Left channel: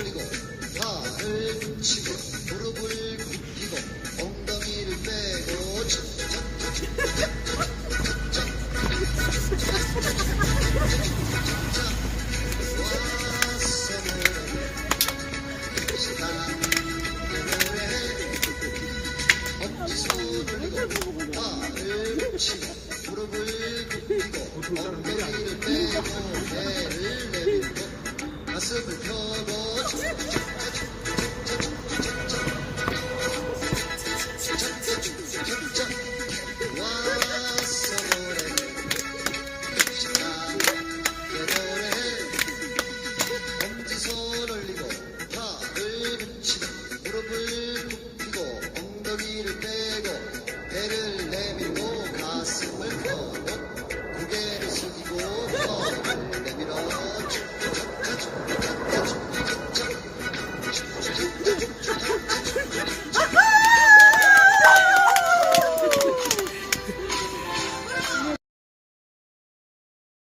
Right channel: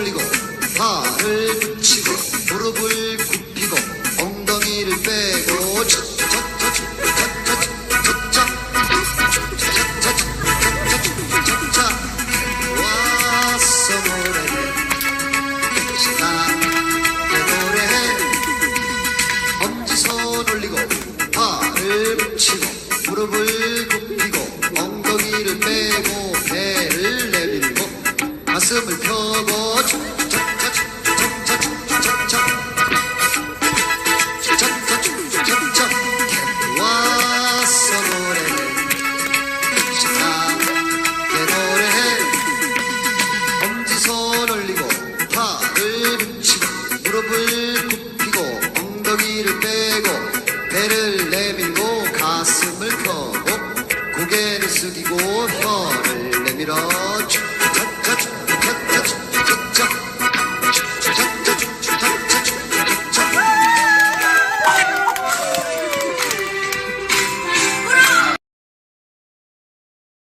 올리고 발을 붙이고 무릎을 무릎을 굽히고 엉덩이를 빼고 배를 내밀고 가슴을 펴고 고개를 숙이고